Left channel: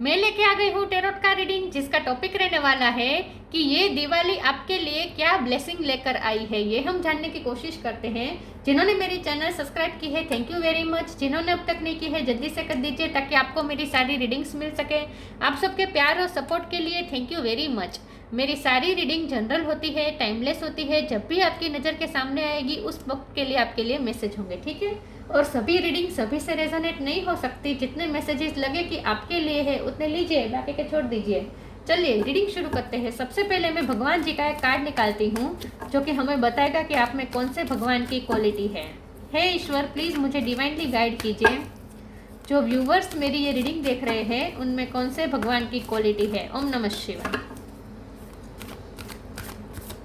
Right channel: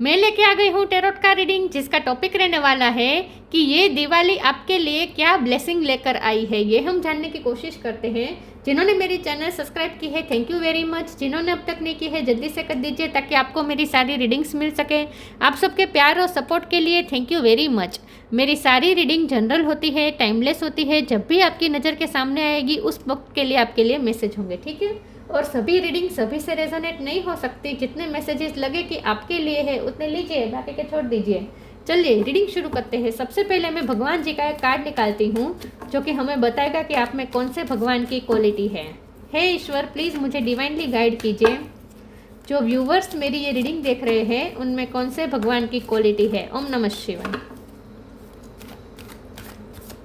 मैं लेके आ गई हूँ टैरोट का रीडिंग, जिसका टॉपिक रहने वाला है कि ये दिवाली आपके लिए क्या ब्लेसिंग लेकर आई है। ये हम जानने की कोशिश करते हैं। जिन्होंने मेरी चैनल सब्सक्राइब की है, थैंक यू वेरी मच। जिन्होंने अब तक नहीं की है, जल्दी से कर दीजिए ताकि आपको मेरी सारी रीडिंग्स मिल सके। आप सबके प्यार और सपोर्ट के लिए थैंक यू वेरी मच। मेरी सारी रीडिंग जनरल होती है, टाइमलेस होती है। जब भी आपकी नज़र के सामने आएगी उस वक्त के लिए आपके लिए मैसेज होंगे, ठीक है। और सभी रीडिंग सभी से रेजोनेट नहीं हो सकती। जितने मैसेजेस लगे कि आपके लिए है उतने लीजिए, बाकी के छोड़ दीजिए। चलिए रीडिंग शुरू करते हैं। सबसे पहले मैं भगवान जी का एक कार्ड निकालती हूँ जो कि हमें बताएगा कि आप में कौन से भगवान की क्वालिटी है। हे ईश्वर, प्लीज़ मुझे डिवाइनली गाइड कीजिए। जो व्यूवर्स मेरी ये रीडिंग देख रहे हैं उनमें कौन से भगवान की क्वालिटी है। ओम नमः शिवाय।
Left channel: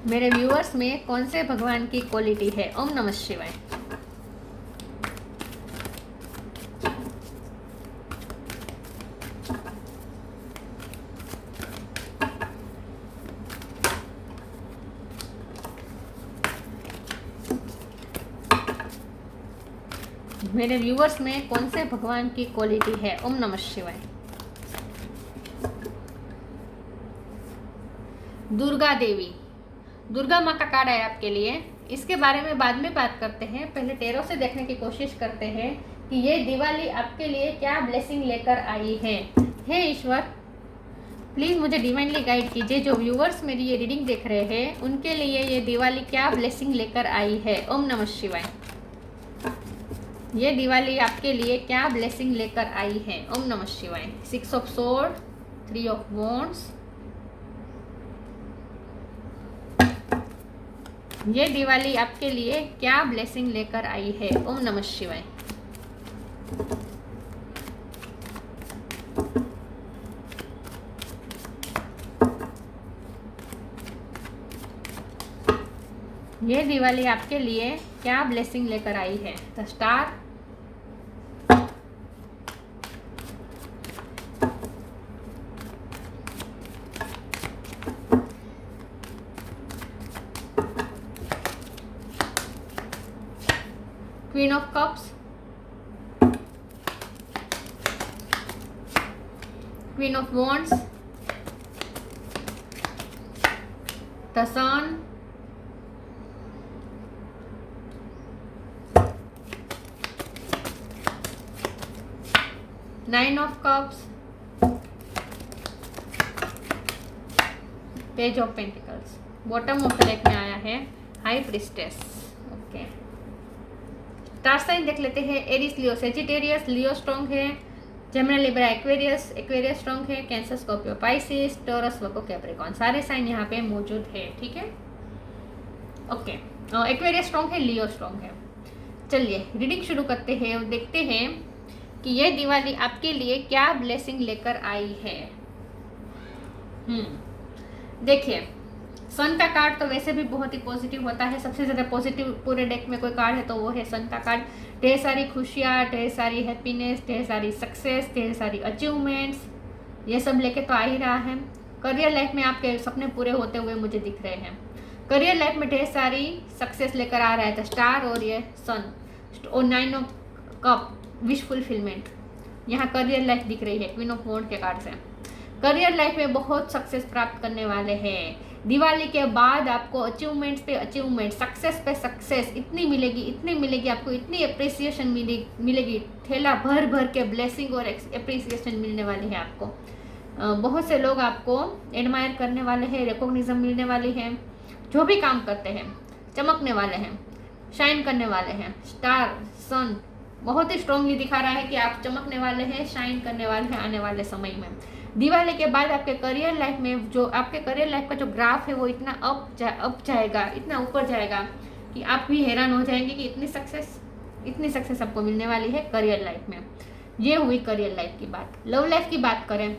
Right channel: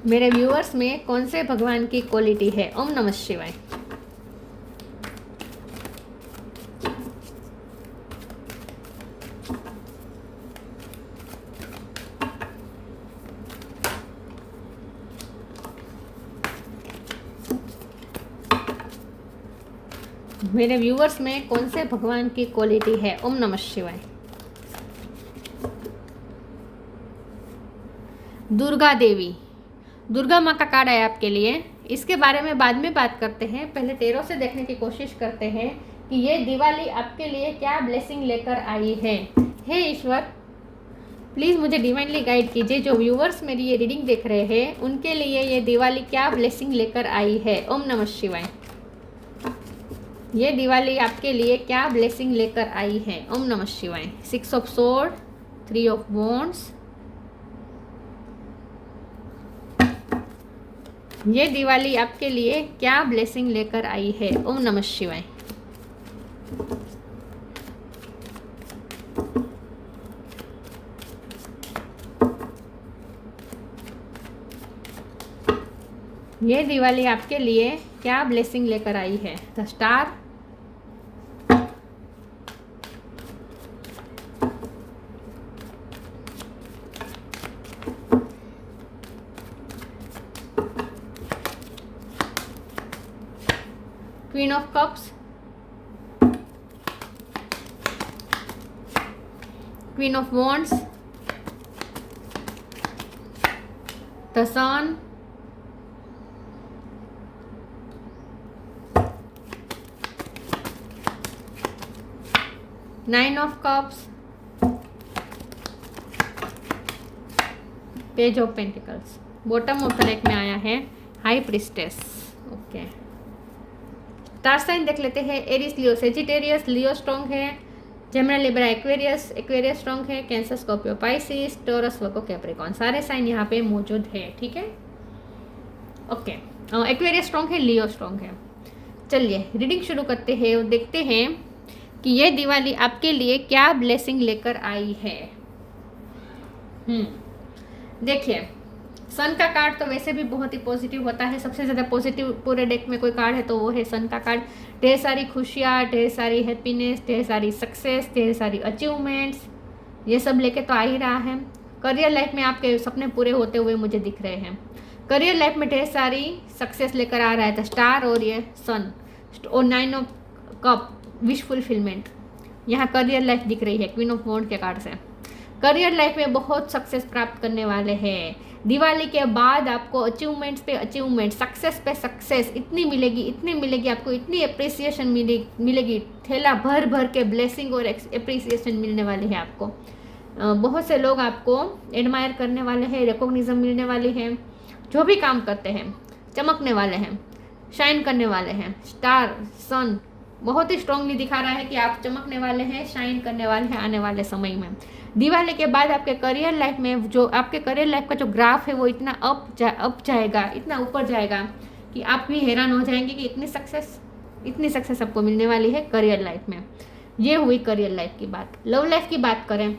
मेरे व्यूअर्स में कौन से भगवान की क्वालिटी है। ओम नमः शिवाय। मेरे व्यूअर्स में कौन से भगवान की क्वालिटी है। ओम नमः शिवाय। दुर्गा देवी, दुर्गा माँ का कार्ड है आपके लिए। इसके बारे में बाद में बात करते हैं, पहले टैरो से देखने की कोशिश करते हैं कि ये दिवाली आपके लिए क्या ब्लेसिंग लेकर आई है। हे ईश्वर, प्लीज़ मुझे डिवाइनली गाइड कीजिए। जो व्यूअर्स मेरी ये रीडिंग देख रहे हैं उनके लिए ये दिवाली क्या ब्लेसिंग लेकर आई है। ओम नमः शिवाय। ये दिवाली आपके लिए क्या ब्लेसिंग लेकर आई है। ओम नमः शिवाय। 6 ऑफ स्वॉर्ड, 3 ऑफ वॉन्ड्स। ये दिवाली आपके लिए क्या ब्लेसिंग लेकर आई है। ओम नमः शिवाय। ये दिवाली आपके लिए क्या ब्लेसिंग लेकर आई है। The star, queen of cups, queen of wands, the sun, nine of cups, page of pentacles. Bottom of the deck में आया है high priestess. Okay, star sign देख लेते हैं। Aries, Leo, Sagittarius. Leo strong है। Gemini, Libra, Aquarius. Aquarius strong है। Cancer, Scorpio, Pisces, Taurus, Virgo, Capricorn. सारे sign यहाँ पे मौजूद है, ठीक है। ओके, एक्वेरियस स्ट्रॉन्ग है, लियो स्ट्रॉन्ग है। चलिए रीडिंग शुरू करते हैं और देखते हैं कि ये दिवाली आपके लिए क्या ब्लेसिंग लेकर आई है। देखिए, सन का कार्ड तो वैसे भी बहुत ही पॉजिटिव होता है। सबसे ज़्यादा पॉजिटिव पूरे डेक में कोई कार्ड है तो वो है सन का कार्ड। ढेर सारी खुशियाँ, ढेर सारी हैप्पीनेस, ढेर सारी सक्सेस, ढेर सारी अचीवमेंट्स, ये सब लेके तो आ ही रहा है। करियर लाइफ में आपके सपने पूरे होते हुए मुझे दिख रहे हैं। करियर लाइफ में ढेर सारी सक्सेस लेकर आ रहा है द स्टार और ये सन और 9 ऑफ कप, विश फुलफिलमेंट। यहाँ करियर लाइफ दिख रही है क्वीन ऑफ वॉन्ड के कार्ड से। करियर लाइफ में बहुत सक्सेस प्राप्त करने वाले हैं। दिवाली के बाद आपको अचीवमेंट्स पे अचीवमेंट, सक्सेस पे सक्सेस इतनी मिलेगी आपको, इतनी अप्रिसिएशन मिलेगी। थैला भर भर के ब्लेसिंग और अप्रिसिएशन मिलने वाली है आपको। बहुत से लोग आपको एडमायर करने वाले हैं, रिकॉग्निशन मिलने वाली है। जो भी काम करते हैं चमकने वाले हैं, शाइन करने वाले हैं। स्टार, सन बहुत ही स्ट्रांगली दिखा रहा है कि आप चमकने वाले हैं, शाइन करने वाले हैं आने वाले समय में। दिवाली के बाद आपके करियर लाइफ में जो आपके करियर लाइफ का जो ग्राफ है वो इतना अप जाएगा, इतना ऊपर जाएगा कि आप भी हैरान हो जाएंगे कि इतनी सक्सेस आपको मिलने वाली है करियर लाइफ में। ये हुई करियर लाइफ की बात। लव लाइफ की बात करें,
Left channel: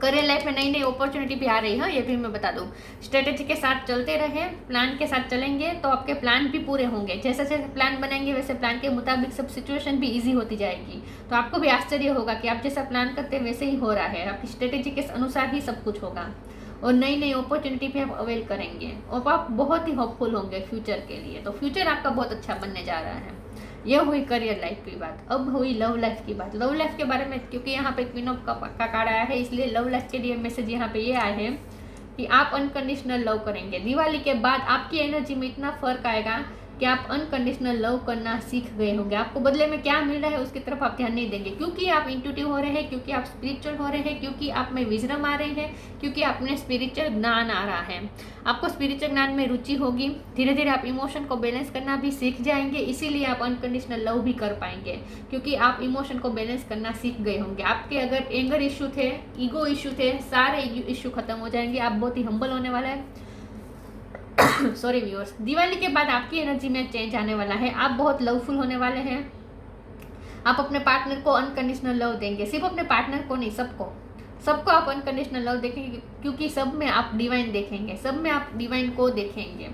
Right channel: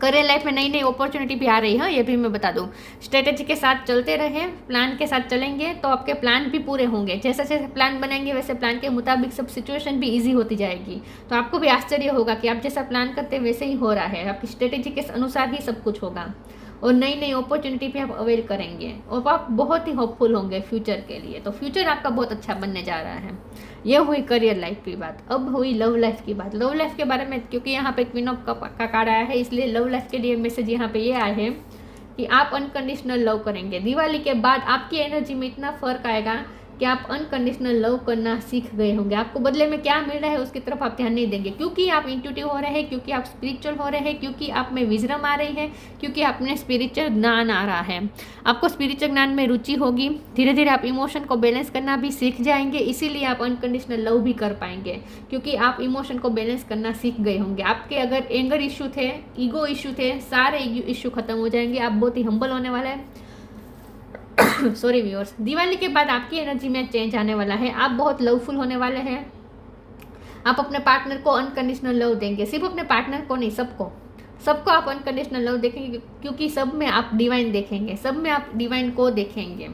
करियर लाइफ में नई नई अपॉर्चुनिटी भी आ रही है, ये भी मैं बता दूं। स्ट्रेटेजी के साथ चलते रहे, प्लान के साथ चलेंगे तो आपके प्लान भी पूरे होंगे। जैसे जैसे प्लान बनेंगे वैसे प्लान के मुताबिक सब सिचुएशन भी इजी होती जाएगी। तो आपको भी आश्चर्य होगा कि आप जैसा प्लान करते हैं वैसे ही हो रहा है। आपकी स्ट्रेटेजी के अनुसार ही सब कुछ होगा और नई नई अपॉर्चुनिटी भी आप अवेल करेंगे और आप बहुत ही होपफुल होंगे फ्यूचर के लिए। तो फ्यूचर आपका बहुत अच्छा बनने जा रहा है। ये हुई करियर लाइफ की बात। अब हुई लव लाइफ की बात। लव लाइफ के बारे में, क्योंकि यहाँ पे क्वीन ऑफ का कार्ड आया है, इसलिए लव लाइफ के लिए मैसेज यहाँ पे ये आए हैं कि आप अनकंडीशनल लव करेंगे। दिवाली के बाद आपकी एनर्जी में इतना फर्क आएगा कि आप अनकंडीशनल लव करना सीख गए होंगे। आपको बदले में क्या मिल रहा है उसकी तरफ आप ध्यान नहीं देंगे, क्योंकि आप इंट्यूटिव हो रहे हैं, क्योंकि आप स्पिरिचुअल हो रहे हैं, क्योंकि आप में विजडम आ रही है, क्योंकि आप में स्पिरिचुअल ज्ञान आ रहा है। आपको स्पिरिचुअल ज्ञान में रुचि होगी। धीरे धीरे आप इमोशन को बैलेंस करना भी सीख जाएंगे, इसीलिए आप अनकंडीशनल लव भी कर पाएंगे, क्योंकि आप इमोशन को बैलेंस करना सीख गए होंगे। आपके अगर एंगर इशू थे, ईगो इशू थे, सारे इशू खत्म हो जाएंगे। आप बहुत ही हम्बल होने वाले हैं। सॉरी व्यूअर्स, दिवाली के बाद आपकी एनर्जी में चेंज आने वाला है। आप बहुत लवफुल होने वाले हैं। आप अपने पार्टनर को अनकंडीशनल लव देंगे। सिर्फ अपने पार्टनर को नहीं, सबको आप अनकंडीशनल लव देखेंगे, क्योंकि सब में आप डिवाइन देखेंगे, सब में आप डिवाइन को देखेंगे।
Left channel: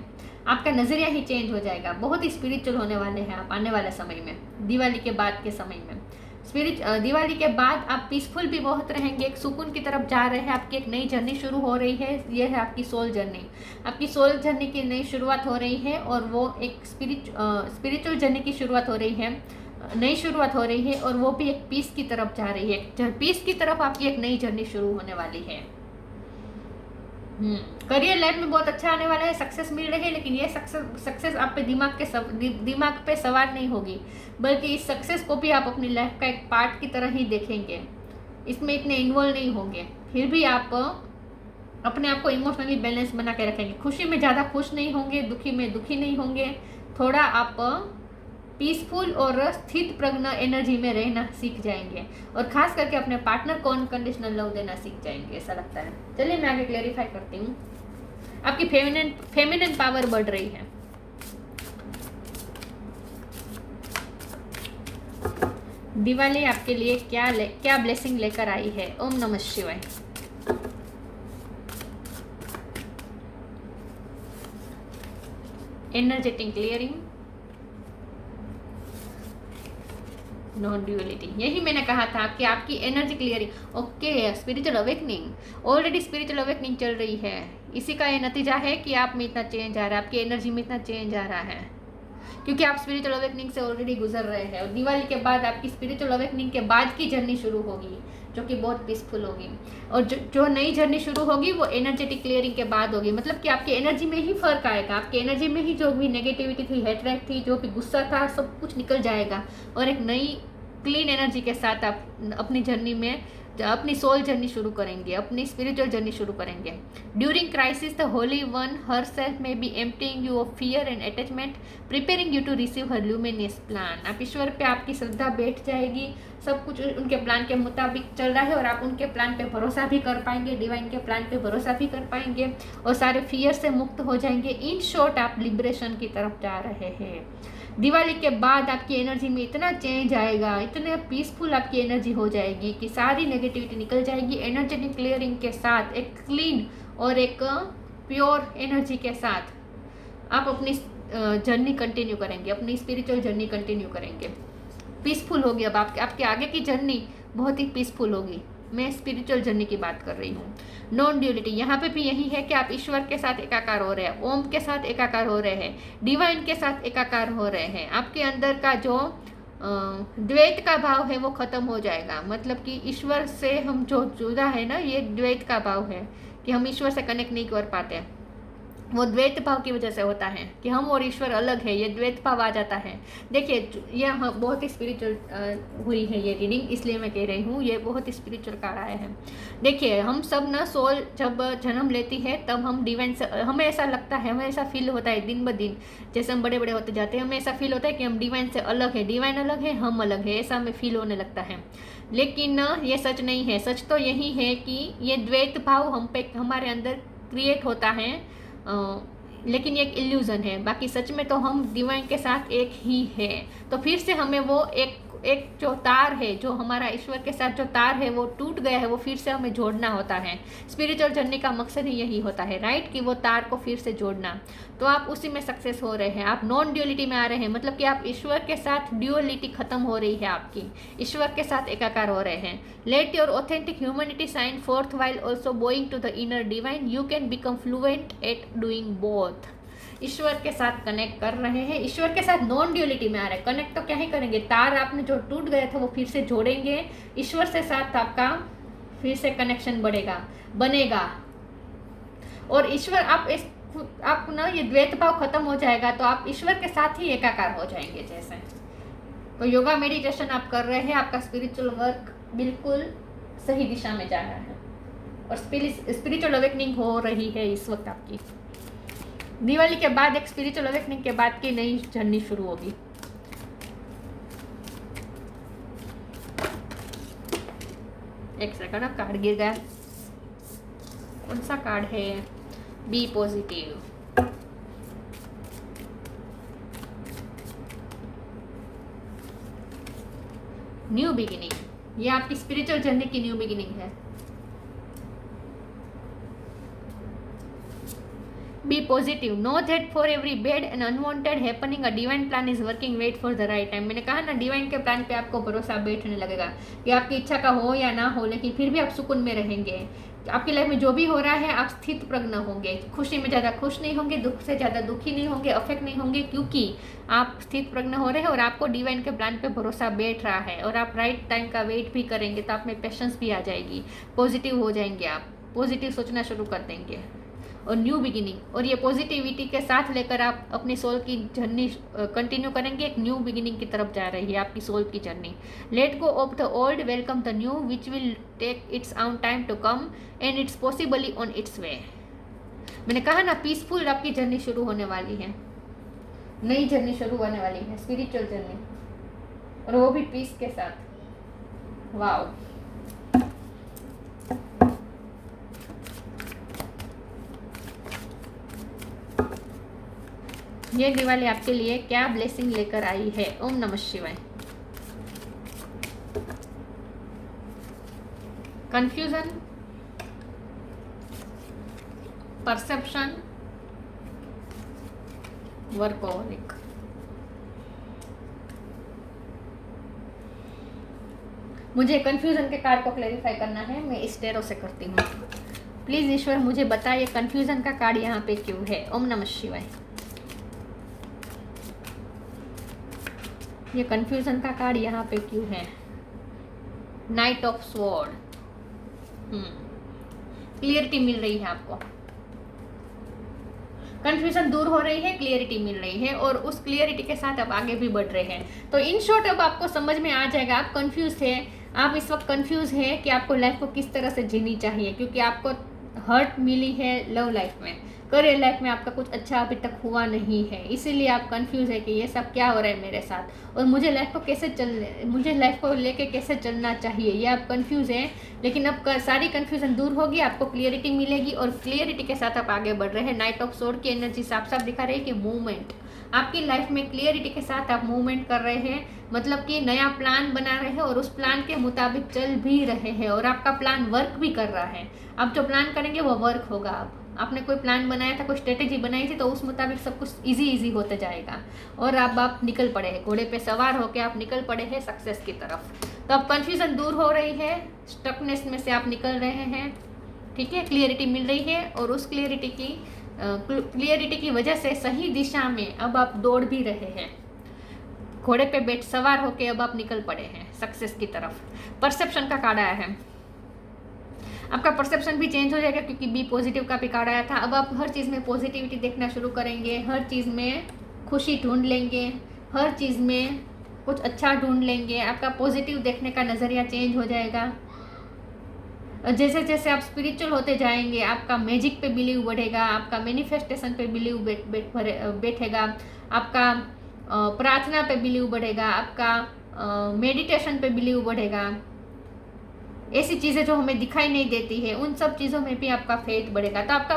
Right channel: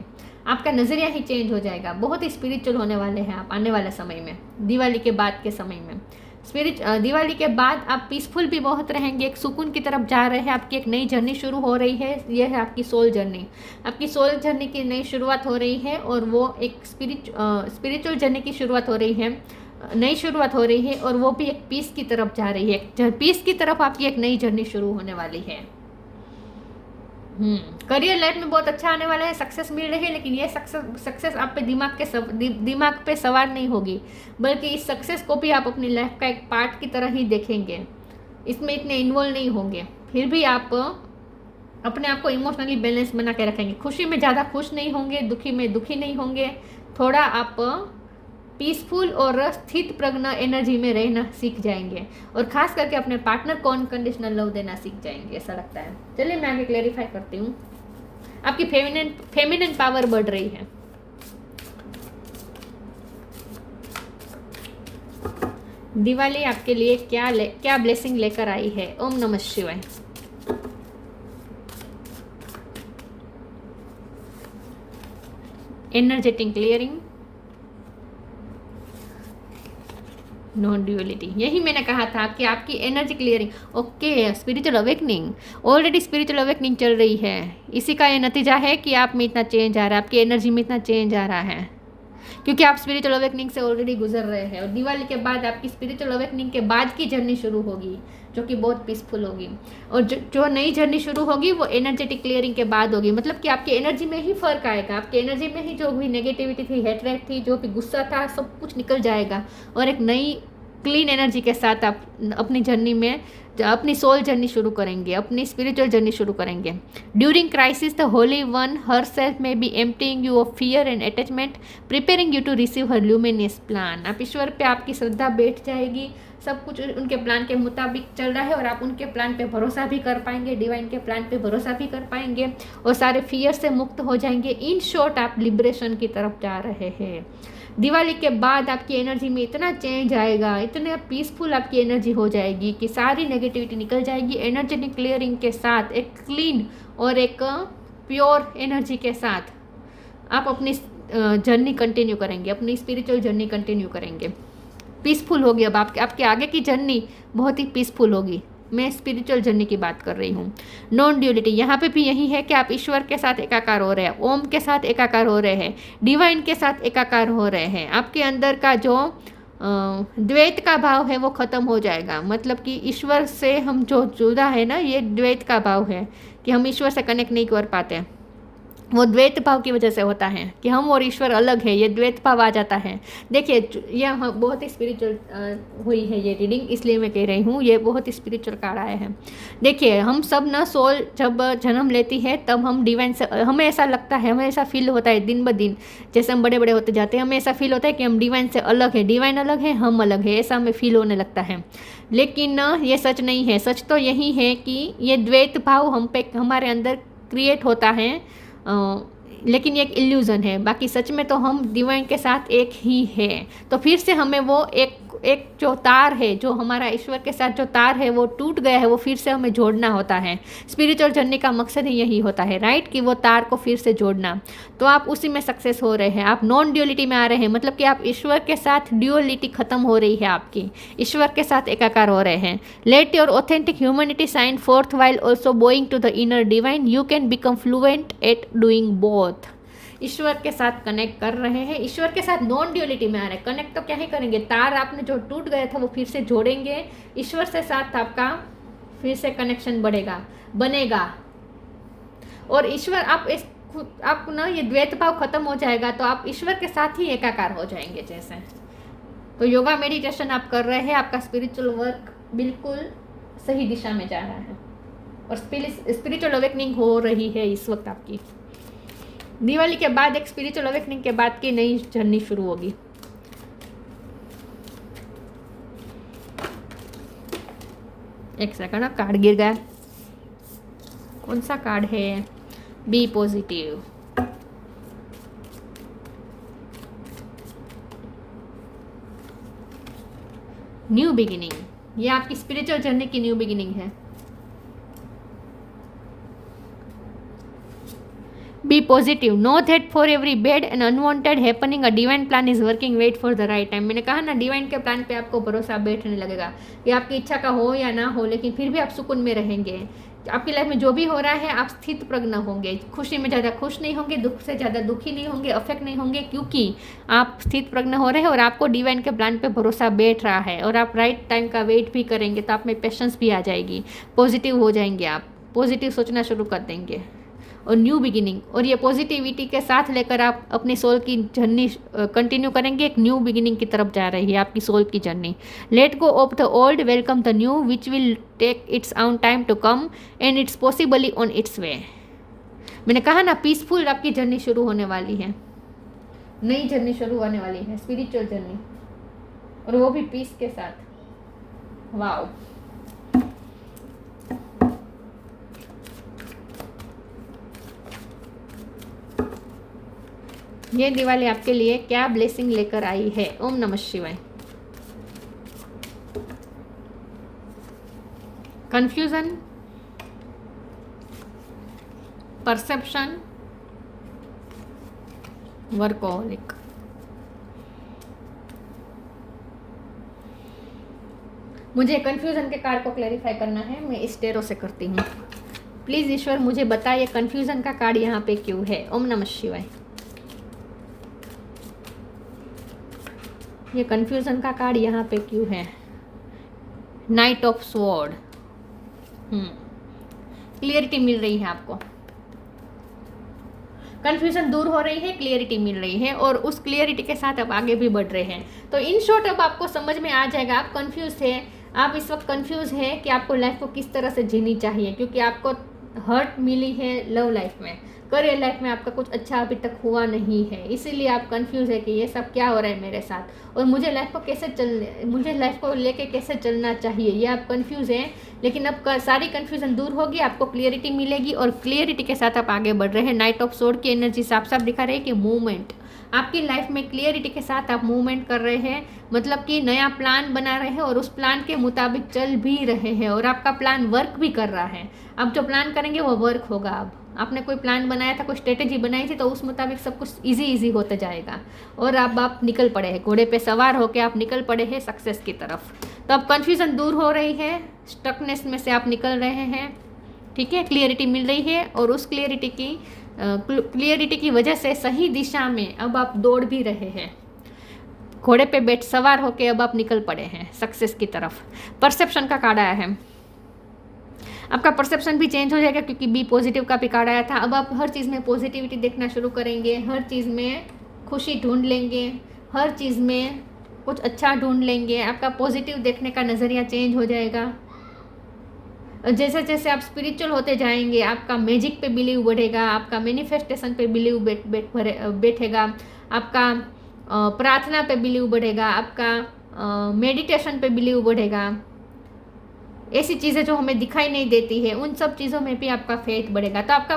आपका नजरिया ही चेंज हो जाएगा। बहुत ही स्पिरिचुअल होने वाले हैं आप आने वाले समय में, दिवाली के बाद के समय में। दिवाली के बाद आप पीसफुल भी बहुत रहेंगे, एक सुकून की तरफ जा रहे हैं। आपकी एक नई जर्नी शुरू हो रही है। ये है आपकी सोल जर्नी। आपकी सोल जर्नी की नई शुरुआत हो रही है, और वो एक स्पिरिचुअल जर्नी की शुरुआत हो रही है, नई शुरुआत हो रही है, और वो भी एक पीस की तरफ जा रही है। पीस की तरफ आपकी एक नई जर्नी शुरू होने वाली है। करियर लाइफ में बहुत अच्छा आने वाला है, सक्सेस मिल रही है, लेकिन ये सक्सेस आप पे दिमाग पे सवार नहीं होगी, बल्कि इस सक्सेस को भी आप अपनी लाइफ का एक पार्ट की तरह ही देखेंगे। इसमें इतने इन्वॉल्व नहीं होंगे, फिर भी आप अपने आप को इमोशनली बैलेंस बना के रखेंगे। खुशी में ज़्यादा खुश नहीं होंगे, दुखी में दुखी नहीं होंगे। थोड़ा आप पीसफुल और स्थित प्रज्ञ एनर्जी में रहना सीख जाएंगे, और खास करके अपने पार्टनर को अनकंडीशनल लव देना सीख जाएंगे, ऐसा लगता है। चलिए मैं आगे क्लैरिफाई करती हूँ। आपकी फेमिनिन पावर बढ़ रही है। दिवाली आपके लिए क्या ब्लेसिंग लेकर आई है। ओम नमः शिवाय। Energetic clearing, non duality. यही मैंने कहा था कि आपकी energy clearing. Okay, spiritual awakening, already spiritual awakening चल रही है। इसी का ये नतीजा है कि आप में इतना चेंज आ रहा है, आपकी एनर्जी में इतना चेंज आ रहा है, क्योंकि आप स्पिरिचुअल अवेकनिंग से ऑलरेडी गुजर रहे हैं। और दिवाली के बाद आपकी स्पिरिचुअल अवेकनिंग के बाद की जर्नी शुरू होगी, जो कि बहुत पीसफुल होगी। और जो नई जर्नी शुरू होगी वो एनर्जेटिक क्लियरिंग के बाद होगी। मतलब कि आपकी एनर्जी में ही फर्क आएगा। आपकी एनर्जी में ही जो भी नेगेटिविटी थी, हेट्रेड थी, जो भी गुस्सा था, सब कुछ निकल जाएगा, और एक नई क्लीन एनर्जी के साथ आप अपनी जर्नी में अपनी सोल जर्नी शुरू करेंगे, अपनी स्पिरिचुअल जर्नी शुरू करेंगे। During crisis the holy one herself may be emptying you of fear and attachment, preparing you to receive her luminous plan. आप ईश्वर पे आपकी श्रद्धा बैठ जाएगी, सब कुछ उनके प्लान के मुताबिक चल रहा है, और आप उनके प्लान पे भरोसा भी कर पाएंगे, डिवाइन के प्लान पे भरोसा भी कर पाएंगे, और सारे फियर से मुक्त हो जाएंगे। इन शॉर्ट आप लिबरेशन की तरफ जा रहे हैं। दिवाली के बाद आपकी एनर्जी में इतना चेंज आएगा, इतने पीसफुल आपकी एनर्जी हो जाएगी कि सारी नेगेटिविटी निकल जाएगी। एनर्जेटिक क्लियरिंग के साथ, एक क्लीन और एक प्योर एनर्जी के साथ आप अपनी जर्नी कंटिन्यू करेंगे, अपनी स्पिरिचुअल जर्नी कंटिन्यू करेंगे। पीसफुल होगी। अब आपके आगे की जर्नी बहुत ही पीसफुल होगी। मैं स्पिरिचुअल जर्नी की बात कर रही हूँ। नॉन ड्यूअलिटी, यहाँ पे भी यही है कि आप ईश्वर के साथ एकाकार हो रहे हैं, ओम के साथ एकाकार हो रहे हैं, डिवाइन के साथ एकाकार हो रहे हैं। आपके अंदर का जो द्वैत का भाव है वो खत्म हो जाएगा। मतलब कि ईश्वर से हम जो जुदा है ना, ये द्वैत का भाव है कि हम ईश्वर से कनेक्ट नहीं कर पाते। वो द्वैत भाव की वजह से होता है कि हम और ईश्वर अलग है, ये द्वैत भाव आ जाता है। देखिए, यह बहुत ही स्पिरिचुअल हुई है ये रीडिंग, इसलिए मैं कह रही हूँ ये बहुत ही स्पिरिचुअल कार्ड आए हैं। देखिए, हम सब ना सोल जब जन्म लेती है तब हम डिवाइन से, हमें ऐसा लगता है, हमें ऐसा फील होता है दिन ब दिन, जैसे हम बड़े बड़े होते जाते हैं, हमें ऐसा फील होता है कि हम डिवाइन से अलग है, डिवाइन अलग है, हम अलग है, ऐसा हमें फील होने लगता है। लेकिन ये सच नहीं है। सच तो यही है कि ये द्वैत भाव हम पे हमारे अंदर क्रिएट होता है, लेकिन ये एक इल्यूज़न है। बाकी सच में तो हम डिवाइन के साथ एक ही है। तो फिर से हमें वो एक जो तार है, जो हमारा ईश्वर के साथ जो तार है वो टूट गया है, वो फिर से हमें जोड़ना होता है। स्पिरिचुअल जर्नी का मकसद ही यही होता है, राइट, कि वो तार को फिर से जोड़ना। तो आप उसी में सक्सेस हो रहे हैं। आप नॉन ड्यूअलिटी में आ रहे हैं, मतलब कि आप ईश्वर के साथ ड्यूअलिटी खत्म हो रही है आपकी, ईश्वर के साथ एकाकार हो रहे हैं। Let your authentic humanity shine forth while also bowing to the inner divine, you can become fluent at doing both. ईश्वर के साथ कनेक्ट कर रहे हैं, ईश्वर के साथ नॉन ड्यूअलिटी में आ रहे हैं। कनेक्ट तो क्या ही करेंगे, तार आपने जो टूट गया था वो फिर से जोड़ेंगे, ईश्वर से साथ आपका फिर से कनेक्शन बनेगा। और ईश्वर आप ना ये द्वैत भाव खत्म हो जाएगा तो आप ईश्वर के साथ ही एकाकार हो जाएंगे जैसे। तो योगा मेडिटेशन आप कर रहे हैं, आपका स्पिरिचुअल वर्क बिल्कुल सही दिशा में जा रहा है और स्पिरिचुअल अवेकनिंग हो रही है इस वक्त आपकी। दिवाली के बाद एक स्पिरिचुअल अवेकनिंग के बाद की नई जर्नी शुरू होगी। एक सेकंड, कार्ड गिर गया। कौन सा कार्ड है? Be positive. न्यू बिगिनिंग, ये आपकी स्पिरिचुअल जर्नी की न्यू बिगिनिंग है। Be positive, know that for every bad and unwanted happening a divine plan is working, wait for the right time. मैंने कहा ना, डिवाइन के प्लान पे आपको भरोसा बैठने लगेगा कि आपकी इच्छा का हो या ना हो, लेकिन फिर भी आप सुकून में रहेंगे। आपकी लाइफ में जो भी हो रहा है आप स्थित प्रज्ञ होंगे, खुशी में ज़्यादा खुश नहीं होंगे, दुख से ज़्यादा दुखी नहीं होंगे, अफेक्ट नहीं होंगे, क्योंकि आप स्थित प्रज्ञ हो रहे हैं और आपको डिवाइन के प्लान पे भरोसा बैठ रहा है। और आप राइट टाइम का वेट भी करेंगे तो आप में पेशेंस भी आ जाएगी, पॉजिटिव हो जाएंगे, आप पॉजिटिव सोचना शुरू कर देंगे। और न्यू बिगिनिंग, और ये पॉजिटिविटी के साथ लेकर आप अपनी सोल की जर्नी कंटिन्यू करेंगे। एक न्यू बिगिनिंग की तरफ जा रही है आपकी सोल की journey. Let go of the old, welcome the new which will take its own time to come and it's possibly on its way. मैंने कहा ना, पीसफुल आपकी जर्नी शुरू होने वाली है, नई जर्नी शुरू होने वाली है, स्पिरिचुअल जर्नी, और वो भी पीस के साथ। वाओ, ये दिवाली आपके लिए क्या ब्लेसिंग लेकर आई है? ओम नमः शिवाय। Confusion, perception, workaholic. मुझे कंफ्यूजन के कार्ड को क्लैरिफाई करना है, मैं इस टेरो से करती हूँ। प्लीज ईश्वर मुझे बताइए कंफ्यूजन का कार्ड यहाँ पे क्यों है? ओम नमः शिवाय। ये कंफ्यूजन का कार्ड यहाँ पे क्यों है? Night of sword. क्लियरिटी मिल रही है आपको, कंफ्यूजन दूर हो रही है, क्लियरिटी मिल रही है, और उस क्लियरिटी के साथ आप आगे भी बढ़ रहे हैं। तो इन शॉर्ट अब आपको समझ में आ जाएगा, आप कंफ्यूज थे, आप इस वक्त कंफ्यूज है कि आपको लाइफ को किस तरह से जीनी चाहिए, क्योंकि आपको हर्ट मिली है लव लाइफ में, करियर लाइफ में आपका कुछ अच्छा अभी तक हुआ नहीं है, इसीलिए आप कंफ्यूज है कि ये सब क्या हो रहा है मेरे साथ और मुझे लाइफ को लेके कैसे चलना चाहिए, ये आप कंफ्यूज हैं। लेकिन अब सारी कंफ्यूजन दूर होगी, आपको क्लियरिटी मिलेगी और क्लियरिटी के साथ आप आगे बढ़ रहे हैं। नाइट ऑफ सोर्ड की एनर्जी साफ साफ दिखा रही है कि मूवमेंट आपकी लाइफ में, क्लियरिटी के साथ आप मूवमेंट कर रहे हैं, मतलब कि नया प्लान बना रहे हैं और उस प्लान के मुताबिक चल भी रहे हैं, और आपका प्लान वर्क भी कर रहा है। अब जो प्लान करेंगे वो वर्क होगा। अब आपने कोई प्लान बनाया था, कोई स्ट्रेटेजी बनाई थी, तो उस मुताबिक सब कुछ इजी होते जाएगा और अब आप निकल पड़े हैं, घोड़े पे सवार होकर आप निकल पड़े हैं सक्सेस की तरफ। तो अब कन्फ्यूजन दूर हो रही है, स्टकनेस में से आप निकल रहे हैं, ठीक है, क्लियरिटी मिल रही है और उस क्लियरिटी की वजह से सही दिशा में अब आप दौड़ भी रहे हैं, घोड़े पे सवार होके अब आप निकल पड़े हैं सक्सेस की तरफ। परसेप्शन का कार्ड आया है, आपका परसेप्शन भी चेंज हो जाएगा क्योंकि बी पॉजिटिव का भी कार्ड आया था। अब आप हर चीज़ में पॉजिटिविटी देखना शुरू करेंगे, हर चीज़ में खुशी ढूंढ लेंगे, हर चीज़ में कुछ अच्छा ढूंढ लेंगे, आपका पॉजिटिव देखने का नज़रिया चेंज हो जाएगा। जैसे जैसे आप स्पिरिचुअल होते जाएंगे, आपका मैजिक पे बिलीव बढ़ेगा, आपका मैनिफेस्टेशन पे बिलीव बैठेगा, आपका प्रार्थना पे बिलीव बढ़ेगा, आपका मेडिटेशन पे बिलीव बढ़ेगा। ऐसी चीज़ें जो हमें दिखाई नहीं देती है उन सब चीज़ों में भी आपका फेथ बढ़ेगा। तो आपका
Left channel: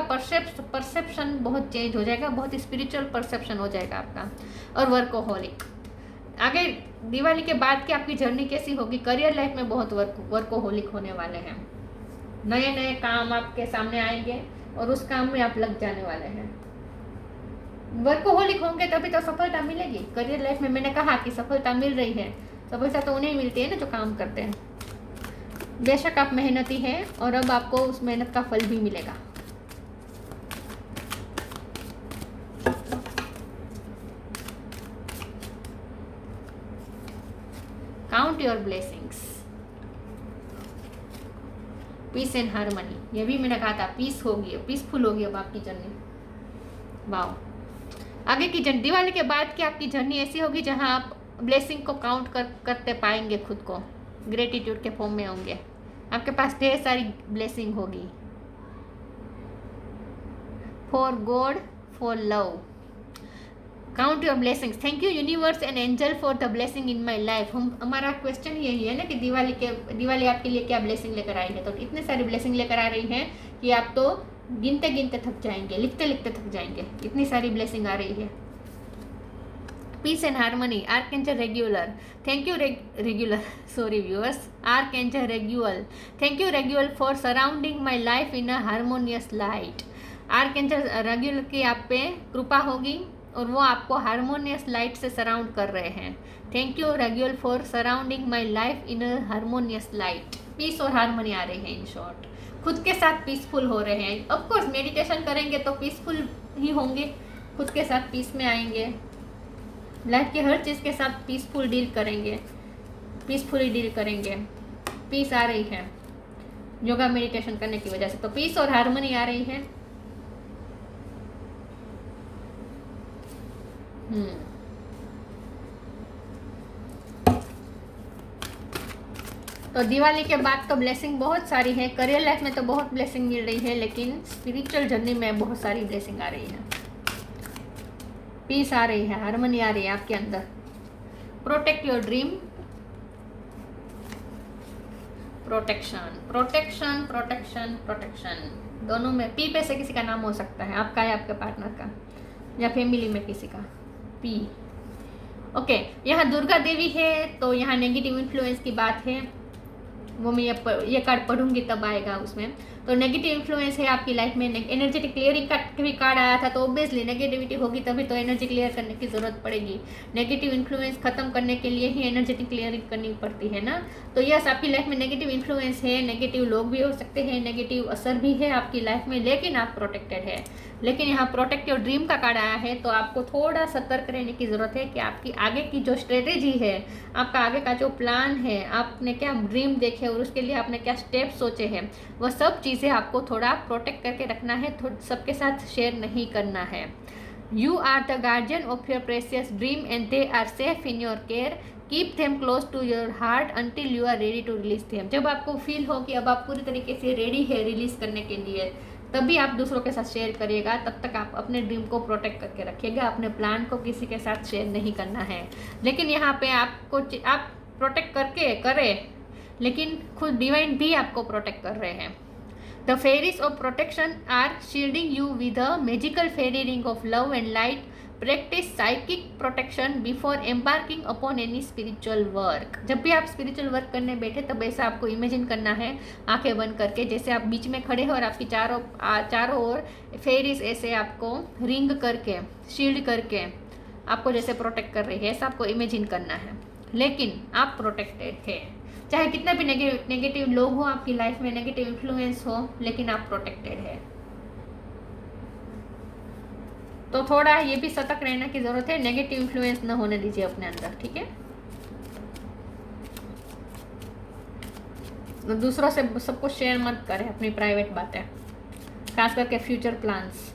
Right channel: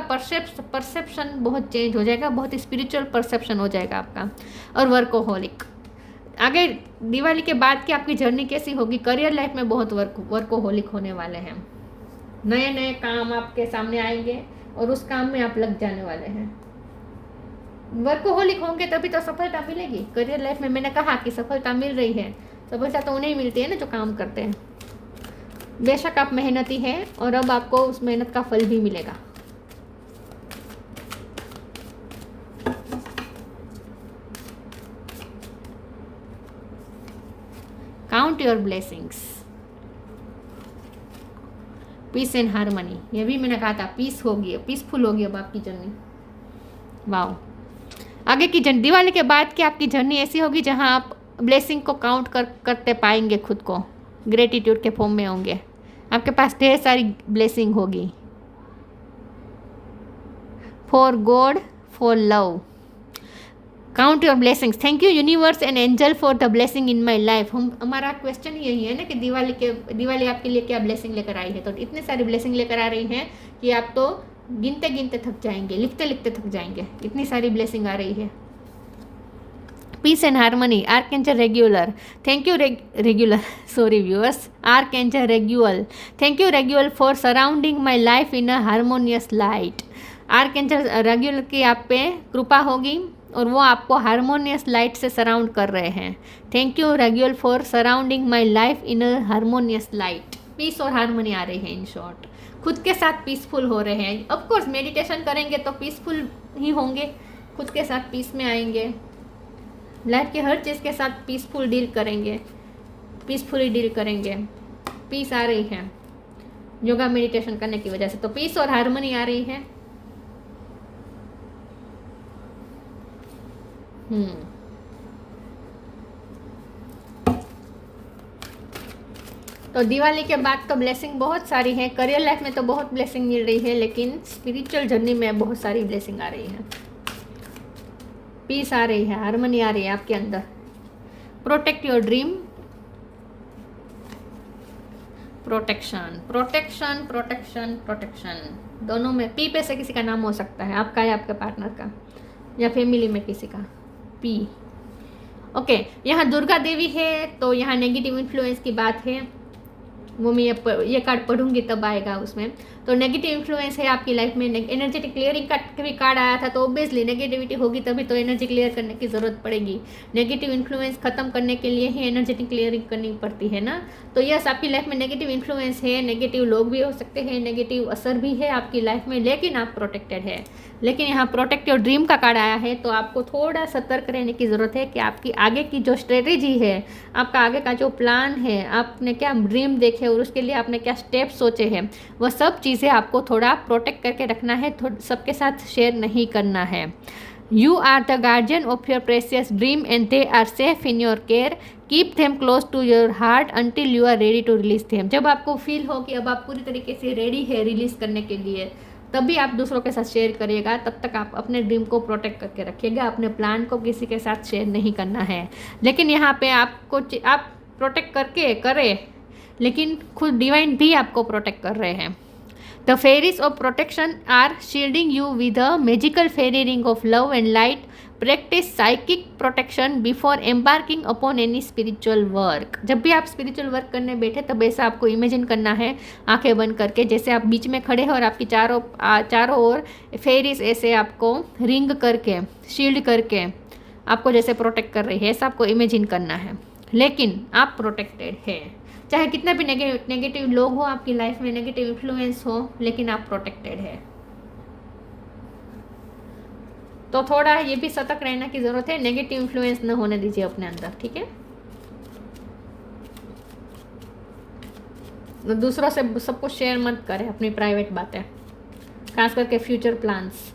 परसेप्शन बहुत चेंज हो जाएगा, बहुत स्पिरिचुअल परसेप्शन हो जाएगा आपका। और वर्कोहोलिक, आगे दिवाली के बाद की आपकी जर्नी कैसी होगी? करियर लाइफ में बहुत वर्कोहोलिक होने वाले हैं, नए नए काम आपके सामने आएंगे और उस काम में आप लग जाने वाले हैं। वर्कोहोलिक होंगे तभी तो सफलता मिलेगी करियर लाइफ में। मैंने कहा कि सफलता मिल रही है, सफलता तो उन्हें मिलती है ना जो काम करते हैं। बेशक आप मेहनती हैं और अब आपको उस मेहनत का फल भी मिलेगा। Count your blessings, peace and harmony, ये भी मैंने कहा था, पीस होगी, पीसफुल होगी अब आपकी जर्नी। वाह, आगे की जर्नी, दिवाली के बाद की आपकी जर्नी ऐसी होगी जहां आप ब्लेसिंग को काउंट करते पाएंगे, खुद को ग्रेटिट्यूड के फॉर्म में होंगे, आपके पास ढेर सारी ब्लेसिंग होगी। For God, for love, count your blessings, thank you universe and angel for the blessing in my life. हमारा क्वेश्चन यही है ना कि दिवाली आपके लिए क्या ब्लेसिंग लेकर आई है, तो इतने सारी ब्लेसिंग लेकर आ रही है कि आप तो गिनते गिनते थक जाएंगे, लिखते लिखते थक जाएंगे, इतनी सारी ब्लेसिंग आ रही है। Peace and harmony, archangel Raguel, thank you Raguel, sorry viewers, archangel Raguel, thank you Raguel for surrounding my life in a harmonious light. Archangel Raguel की आप पे कृपा होगी और वो आपको हारमोनियस लाइट से सराउंड कर रहे हैं। Thank you Raguel for surrounding my life in a harmonious light. Peace और हारमोनी आ रही है, इन शॉर्ट खुद के साथ पीसफुल हो रहे हैं। ऑफ कोर्स मेडिटेशन करेंगे तो पीसफुल ही होंगे, खुद के साथ पीस में आएंगे, लाइफ के हर चीज़ के साथ पीसफुल डील करेंगे, पीसफुली डील करेंगे। पीस आ रही है योगा मेडिटेशन करने की वजह से, तो पीस और हारमोनी आ रही है। तो दिवाली के बाद तो ब्लेसिंग बहुत सारी है, करियर लाइफ में तो बहुत ब्लेसिंग मिल रही है, लेकिन स्पिरिचुअल जर्नी में बहुत सारी ब्लेसिंग आ रही है। पीस आ रही है, हारमोनी आ रही है आपके अंदर। Protect your dream, protection protection protection protection, दोनों में पी पे से किसी का नाम हो सकता है, आपका या आपके पार्टनर का या फैमिली में किसी का। P, okay. यहाँ दुर्गा देवी है तो यहाँ नेगेटिव इन्फ्लुएंस की बात है, वो मैं ये कार्ड पढ़ूंगी तब आएगा उसमें। तो नेगेटिव इन्फ्लुएंस है आपकी लाइफ में, एनर्जेटिक क्लियरिंग का भी कार्ड आया था, तो ऑब्वियसली नेगेटिविटी होगी तभी तो एनर्जी क्लियर करने की ज़रूरत पड़ेगी। नेगेटिव इन्फ्लुएंस खत्म करने के लिए ही एनर्जेटिक क्लियरिंग करनी पड़ती है ना। तो यस, आपकी लाइफ में नेगेटिव इन्फ्लुएंस है, नेगेटिव लोग भी हो सकते हैं, नेगेटिव असर भी है आपकी लाइफ में, लेकिन आप प्रोटेक्टेड है। लेकिन यहाँ प्रोटेक्ट योर ड्रीम का कार्ड आया है, तो आपको थोड़ा सतर्क रहने की ज़रूरत है कि आपकी आगे की जो स्ट्रेटेजी है, आपका आगे का जो प्लान है, आपने क्या ड्रीम देखे और उसके लिए आपने क्या स्टेप सोचे हैं, वह सब चीज़ें आपको थोड़ा प्रोटेक्ट करके रखना है, सबके साथ शेयर नहीं करना है। You are the guardian of your precious dream and they are safe in your care, keep them close to your heart until you are ready to release them. जब आपको फील हो कि अब आप पूरी तरीके से रेडी है रिलीज करने के लिए, तभी आप दूसरों के साथ शेयर करिएगा, तब तक आप अपने ड्रीम को प्रोटेक्ट करके रखिएगा, अपने प्लान को किसी के साथ शेयर नहीं करना है। लेकिन यहाँ पे आप प्रोटेक्ट करके करें, लेकिन खुद डिवाइन भी आपको प्रोटेक्ट कर रहे हैं। The fairies of protection are shielding you with a magical fairy ring of love and light. Practice psychic protection before embarking upon any spiritual work. जब भी आप स्पिरिचुअल वर्क करने बैठे तब ऐसा आपको इमेजिन करना है, आंखें बंद करके, जैसे आप बीच में खड़े हो और आपकी चारों ओर फेरीज ऐसे आपको रिंग करके, शील्ड करके आपको जैसे प्रोटेक्ट कर रही है, ऐसा आपको इमेजिन करना है। लेकिन आप प्रोटेक्टेड है, चाहे कितना भी नेगेटिव लोग हो आपकी लाइफ में, नेगेटिव इन्फ्लुएंस हो, लेकिन आप प्रोटेक्टेड है। तो थोड़ा ये भी सतर्क रहने की ज़रूरत है, नेगेटिव इन्फ्लुएंस न होने दीजिए अपने अंदर, ठीक है। दूसरों से सब कुछ शेयर मत करें, अपनी प्राइवेट बातें, खास करके future plans.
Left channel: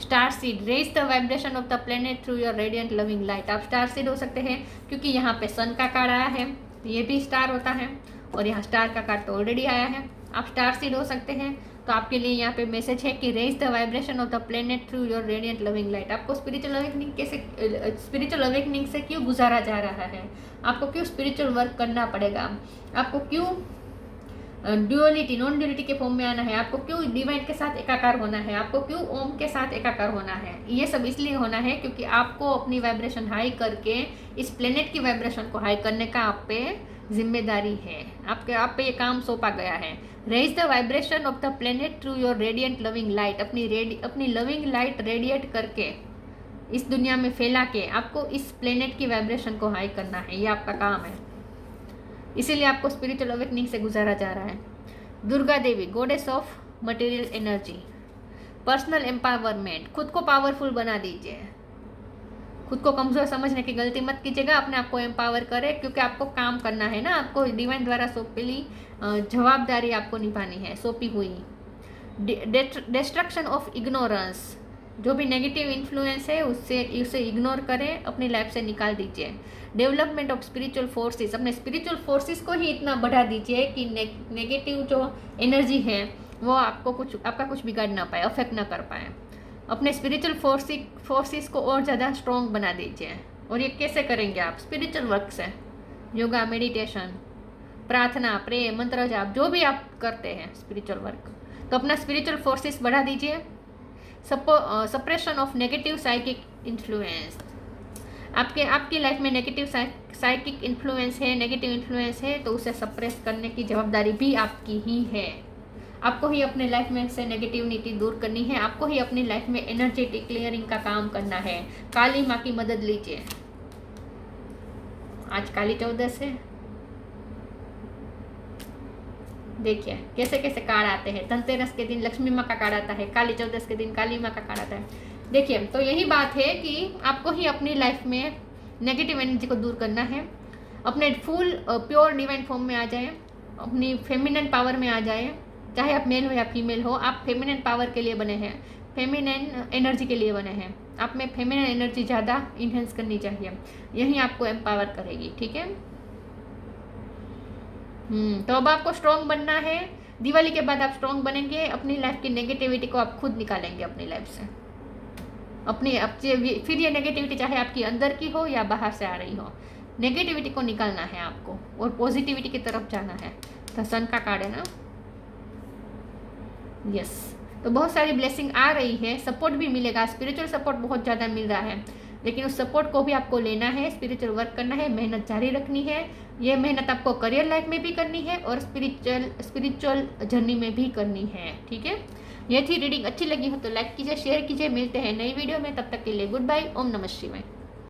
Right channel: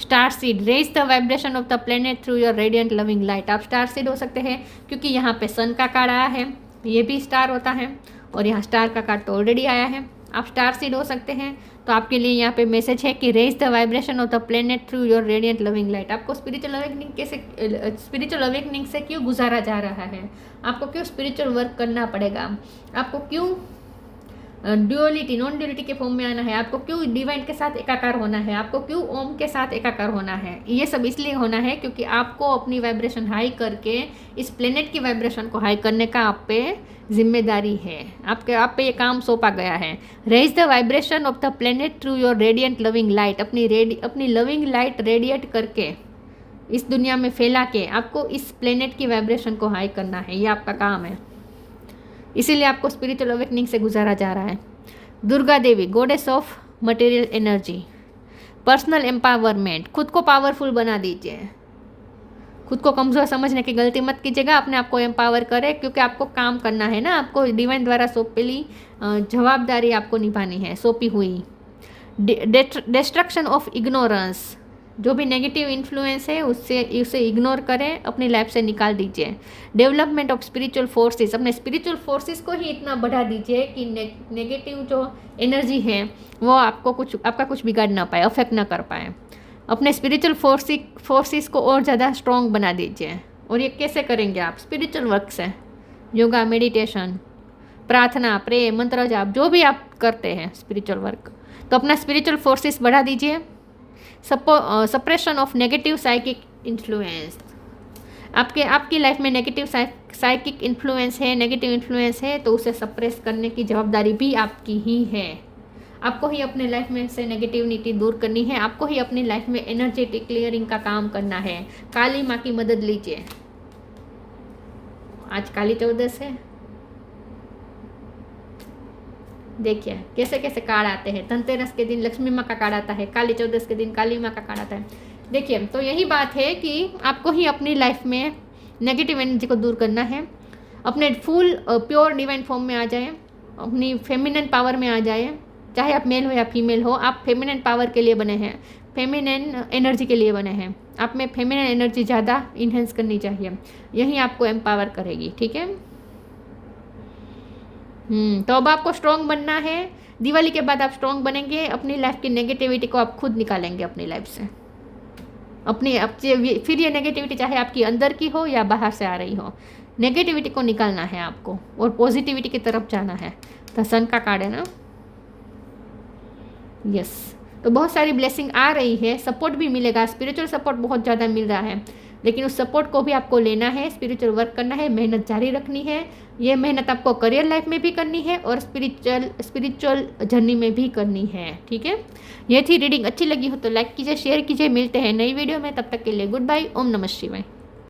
Star seed, raise the vibration of the planet through your radiant loving light. आप स्टार सीड हो सकते हैं, क्योंकि यहाँ पे सन का कार्ड आया है, ये भी स्टार होता है, और यहाँ स्टार का कार्ड तो ऑलरेडी आया है। आप स्टार सीड हो सकते हैं, तो आपके लिए यहाँ पे मैसेज है कि raise the vibration of the planet through your radiant loving light. आपको स्पिरिचुअल अवेकनिंग से क्यों गुजारा जा रहा है, आपको क्यों स्पिरिचुअल वर्क करना पड़ेगा, आपको क्यों ड्यूअलिटी नॉन ड्यूअलिटी के फॉर्म में आना है, आपको क्यों डिवाइन के साथ एकाकार होना है, आपको क्यों ओम के साथ एकाकार होना है। ये सब इसलिए होना है क्योंकि आपको अपनी वाइब्रेशन हाई करके इस प्लेनेट की वाइब्रेशन को हाई करने का आप पे जिम्मेदारी है, आप पे ये काम सौंपा गया है। Raise the vibration of the planet through your radiant loving light. अपनी लविंग लाइट रेडिएट करके इस दुनिया में फैला के आपको इस प्लेनेट की वाइब्रेशन को हाई करना है, ये आपका काम है। इसीलिए आपको स्पिरिचुअल अवेकनिंग से गुजारा जा रहा है। Durga Devi, goddess of material energy, personal empowerment, खुद को पावरफुल बना दीजिए, खुद को कमज़ोर समझने की गलती मत कीजिएगा, अपने आप को एम्पावर करें, क्योंकि आपको काम करना है ना, आपको डिवाइन द्वारा सौंपेली जवाबदारी आपको निभानी है, सौंपी हुई। डिस्ट्रक्शन ऑफ इग्नोरेंस, जो भी नेगेटिव इन्फ्लुएंस है उसे इग्नोर करें, अपनी लाइफ से निकाल दीजिए। डेवलपमेंट ऑफ स्पिरिचुअल फोर्सेस, अपने स्पिरिचुअल फोर्सेस को ही इतना बढ़ा दीजिए कि नेगेटिव जो एनर्जी है वो आपका कुछ बिगाड़ ना पाए, अफेक्ट ना कर पाए। अपने स्पिरिचुअल फोर्सेस को और ज़्यादा स्ट्रॉन्ग बना दीजिए। और ये कैसे करेंगे आप? स्पिरिचुअल वर्क से, योगा, मेडिटेशन, प्रार्थना, प्रे, मंत्र जाप, जो भी आप करते हैं स्पिरिचुअल वर्क, तो अपना स्पिरिचुअल फोर्सेस बढ़ा दीजिए। Suppression of negative psychic influence, आपकी लाइफ में नेगेटिव साइकिक इन्फ्लुएंस है, नेगेटिव इन्फ्लुएंस है, तो उसे सप्रेस करने की जवाबदारी भी आपकी ही है। आपको ही अपने लाइफ में से नेगेटिविटी दूर करनी है, आपको ही अपनी लाइफ में एनर्जेटिक क्लियरिंग का काम करना है। काली माँ की मदद लीजिए। आज काली चौदस है, देखिए कैसे कैसे कार्ड आते हैं। धनतेरस के दिन लक्ष्मी माँ का कार्ड आता है, काली चौदस के दिन काली माँ का कार्ड आता है। देखिए, तो यही बात है कि आपको ही अपनी लाइफ में नेगेटिव एनर्जी को दूर करना है, अपने फुल प्योर डिवाइन फॉर्म में आ जाए, अपनी फेमिनिन पावर में आ जाए। चाहे आप मेल हो या फीमेल हो, आप फेमिनिन पावर के लिए बने हैं, फेमिनिन एनर्जी के लिए बने हैं। आप में फेमिनिन एनर्जी ज़्यादा इन्हेंस करनी चाहिए, यही आपको एम्पावर करेगी। ठीक है, तो अब आपको स्ट्रॉन्ग बनना है। दिवाली के बाद आप स्ट्रॉन्ग बनेंगे, अपनी लाइफ की नेगेटिविटी को आप खुद निकालेंगे अपनी लाइफ से। फिर ये नेगेटिविटी चाहे आपकी अंदर की हो या बाहर से आ रही हो, नेगेटिविटी को निकालना है आपको और पॉजिटिविटी की तरफ जाना है। तो सन का कार्ड है ना, यस। तो बहुत सारी ब्लेसिंग आ रही है, सपोर्ट भी मिलेगा, स्पिरिचुअल सपोर्ट बहुत ज़्यादा मिल रहा है, लेकिन उस सपोर्ट को भी आपको लेना है, स्पिरिचुअल वर्क करना है, मेहनत जारी रखनी है। ये मेहनत आपको करियर लाइफ में भी करनी है और स्पिरिचुअल जर्नी में भी करनी है। ठीक है, ये थी रीडिंग। अच्छी लगी हो तो लाइक कीजिए, शेयर कीजिए। मिलते हैं नई वीडियो में, तब तक के लिए गुड बाय। ओम नमः शिवाय।